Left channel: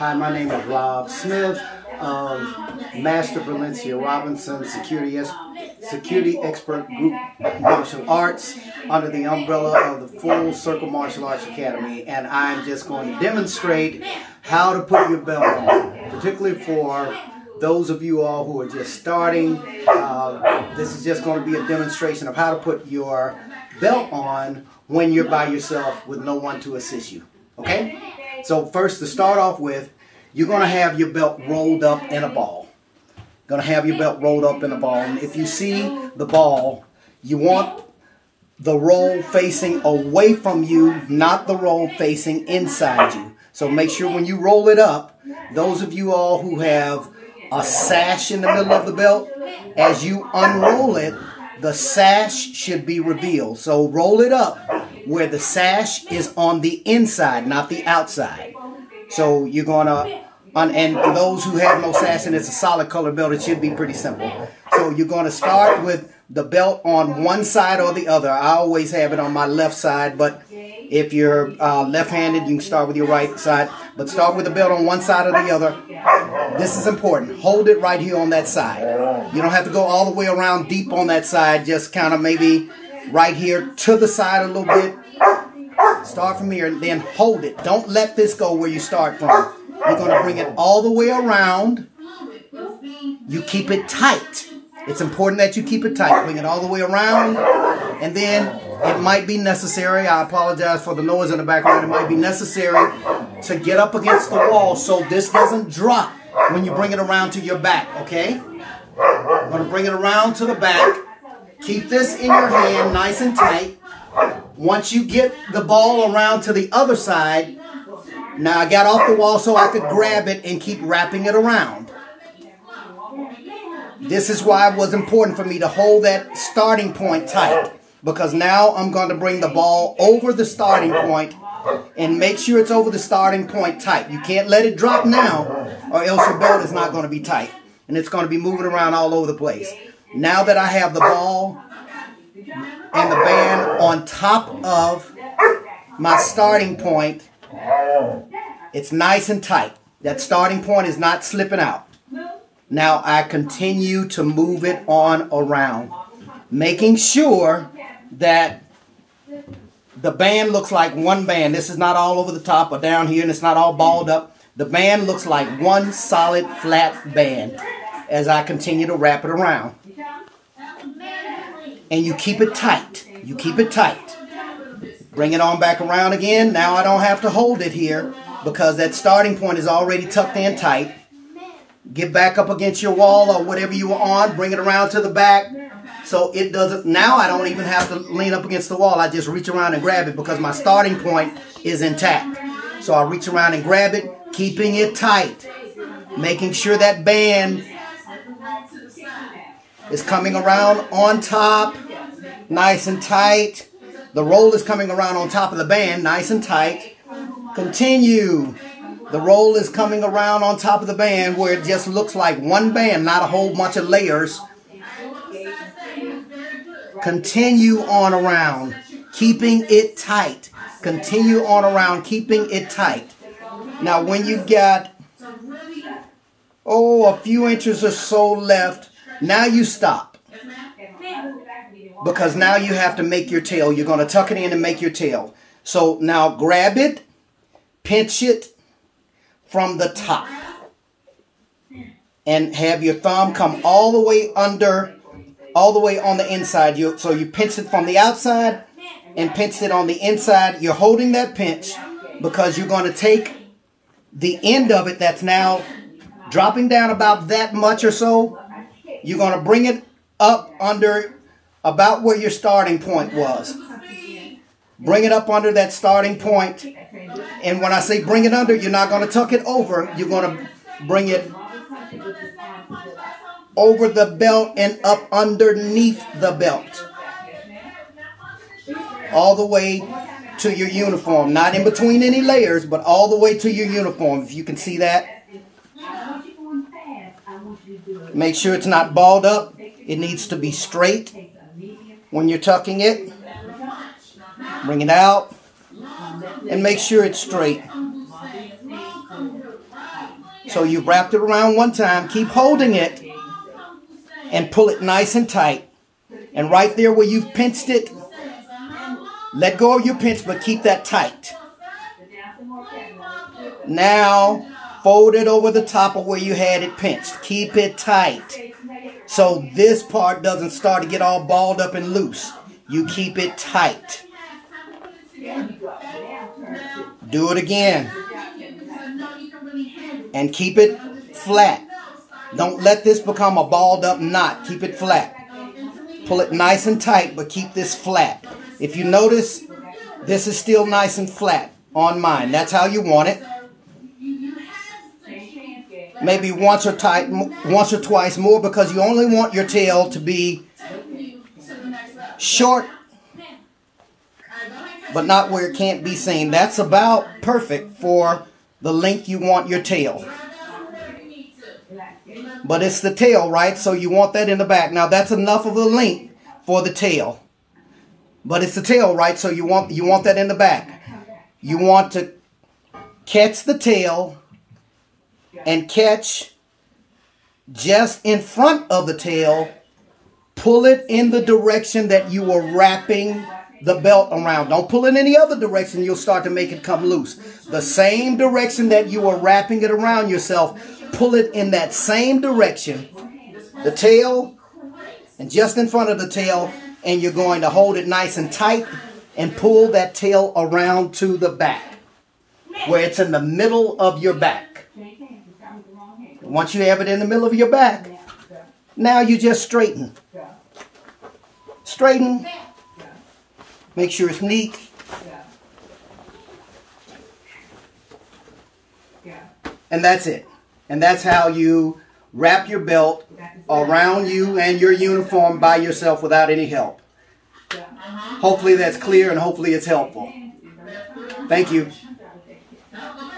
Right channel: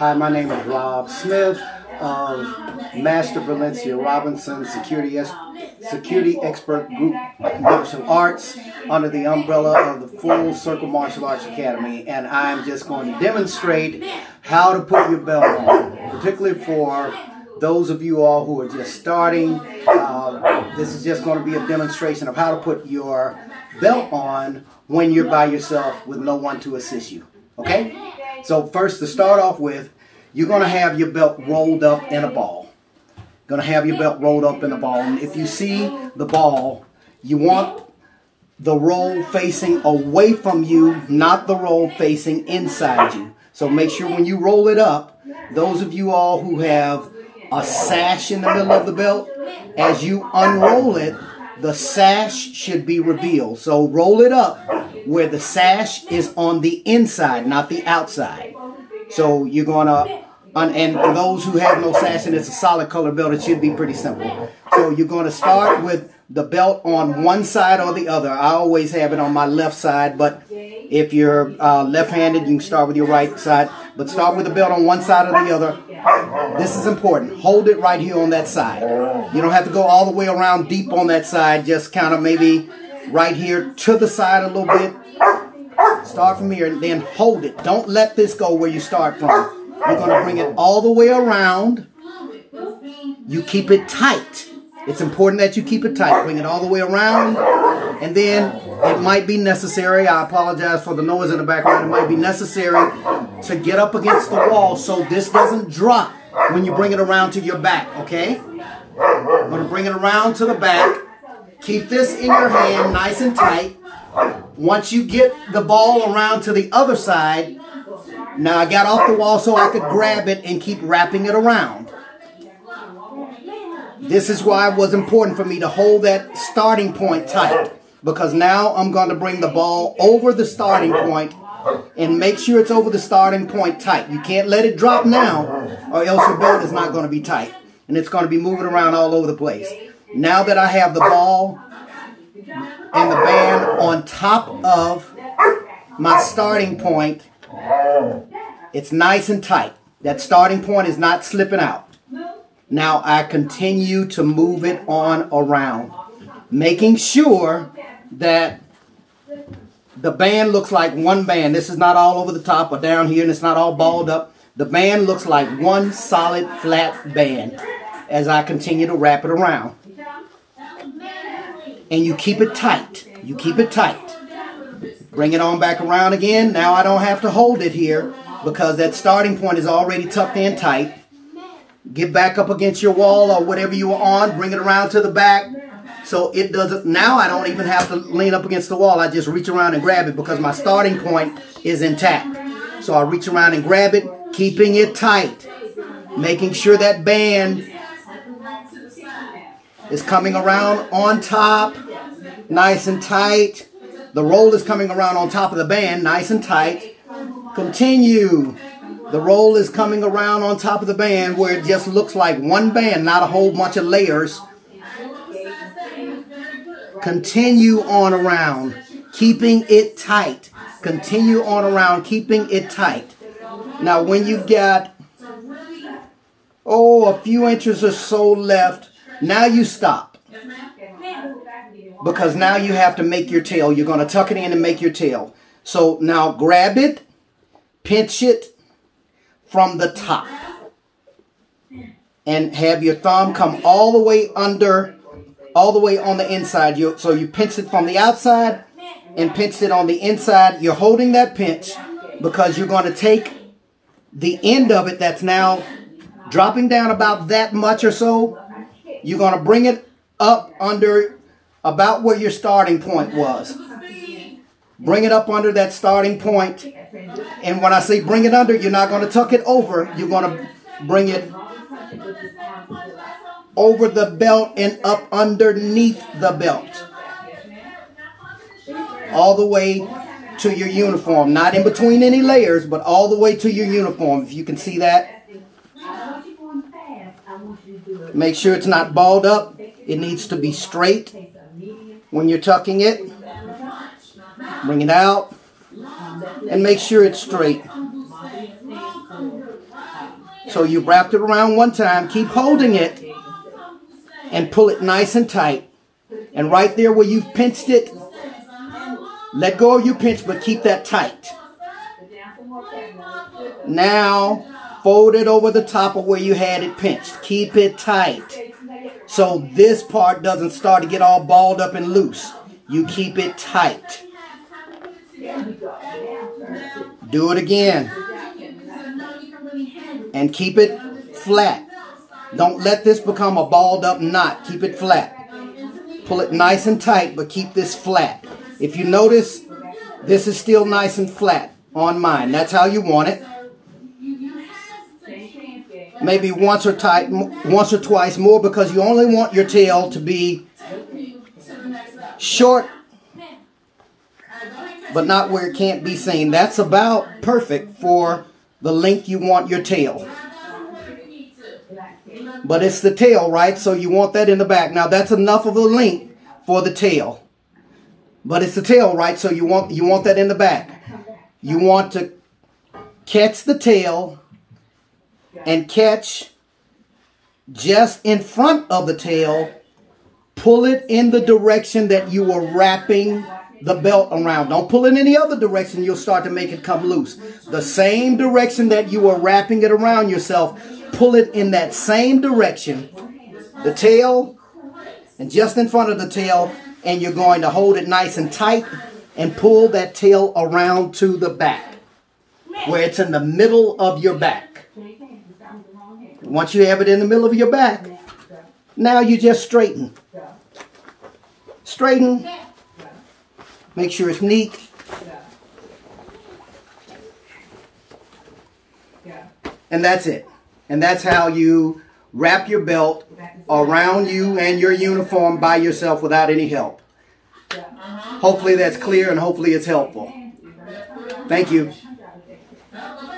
Hi, my name is Rob Smith of Master Valencia Robinson Security Expert Group Martial Arts under the umbrella of the Full Circle Martial Arts Academy, and I'm just going to demonstrate how to put your belt on, particularly for those of you all who are just starting. This is just going to be a demonstration of how to put your belt on when you're by yourself with no one to assist you. Okay? So first, to start off with, you're going to have your belt rolled up in a ball. Going to have your belt rolled up in a ball. And if you see the ball, you want the roll facing away from you, not the roll facing inside you. So make sure when you roll it up, those of you all who have a sash in the middle of the belt, as you unroll it, the sash should be revealed. So roll it up where the sash is on the inside, not the outside. So you're going to, and for those who have no sash and it's a solid color belt, it should be pretty simple. So you're going to start with the belt on one side or the other. I always have it on my left side, but if you're left-handed, you can start with your right side. But start with the belt on one side or the other. This is important. Hold it right here on that side. You don't have to go all the way around deep on that side. Just kind of maybe right here to the side a little bit. Start from here and then hold it. Don't let this go where you start from. You're going to bring it all the way around. You keep it tight. It's important that you keep it tight. Bring it all the way around. And then it might be necessary, I apologize for the noise in the background, it might be necessary to get up against the wall so this doesn't drop when you bring it around to your back, okay? I'm going to bring it around to the back. Keep this in your hand nice and tight. Once you get the ball around to the other side, now I got off the wall so I could grab it and keep wrapping it around. This is why it was important for me to hold that starting point tight, because now I'm going to bring the ball over the starting point and make sure it's over the starting point tight. You can't let it drop now or else your belt is not going to be tight and it's going to be moving around all over the place. Now that I have the ball and the band on top of my starting point, it's nice and tight. That starting point is not slipping out. Now I continue to move it on around, making sure that the band looks like one band. This is not all over the top or down here, and it's not all balled up. The band looks like one solid flat band as I continue to wrap it around. And you keep it tight. You keep it tight. Bring it on back around again. Now I don't have to hold it here because that starting point is already tucked in tight. Get back up against your wall or whatever you are on. Bring it around to the back so it doesn't. Now I don't even have to lean up against the wall. I just reach around and grab it because my starting point is intact. So I reach around and grab it, keeping it tight. Making sure that band is coming around on top, nice and tight. The roll is coming around on top of the band, nice and tight. Continue. The roll is coming around on top of the band where it just looks like one band, not a whole bunch of layers. Continue on around, keeping it tight. Continue on around, keeping it tight. Now when you've got, a few inches or so left, now you stop. Because now you have to make your tail. You're going to tuck it in and make your tail. So now grab it, pinch it from the top. And have your thumb come all the way under, all the way on the inside. So you pinch it from the outside and pinch it on the inside. You're holding that pinch because you're going to take the end of it that's now dropping down about that much or so. You're going to bring it up under about where your starting point was. Bring it up under that starting point. And when I say bring it under, you're not going to tuck it over. You're going to bring it over the belt and up underneath the belt. All the way to your uniform. Not in between any layers, but all the way to your uniform. If you can see that. Make sure it's not balled up. It needs to be straight when you're tucking it. Bring it out and make sure it's straight. So you wrapped it around one time. Keep holding it and pull it nice and tight. And right there where you've pinched it, let go of your pinch, but keep that tight. Now, fold it over the top of where you had it pinched. Keep it tight. So this part doesn't start to get all balled up and loose. You keep it tight. Do it again. And keep it flat. Don't let this become a balled up knot. Keep it flat. Pull it nice and tight, but keep this flat. If you notice, this is still nice and flat on mine. That's how you want it. Maybe once or twice more, because you only want your tail to be short, but not where it can't be seen. That's about perfect for the length you want your tail. But it's the tail, right? So you want that in the back. Now that's enough of a length for the tail. But it's the tail, right? So you want that in the back. You want to catch the tail and catch just in front of the tail. Pull it in the direction that you are wrapping the belt around. Don't pull it any other direction. You'll start to make it come loose. The same direction that you are wrapping it around yourself, pull it in that same direction. The tail and just in front of the tail, and you're going to hold it nice and tight and pull that tail around to the back where it's in the middle of your back. Once you have it in the middle of your back, now you just straighten. Straighten. Make sure it's neat. And that's it. And that's how you wrap your belt around you and your uniform by yourself without any help. Hopefully that's clear and hopefully it's helpful. Thank you.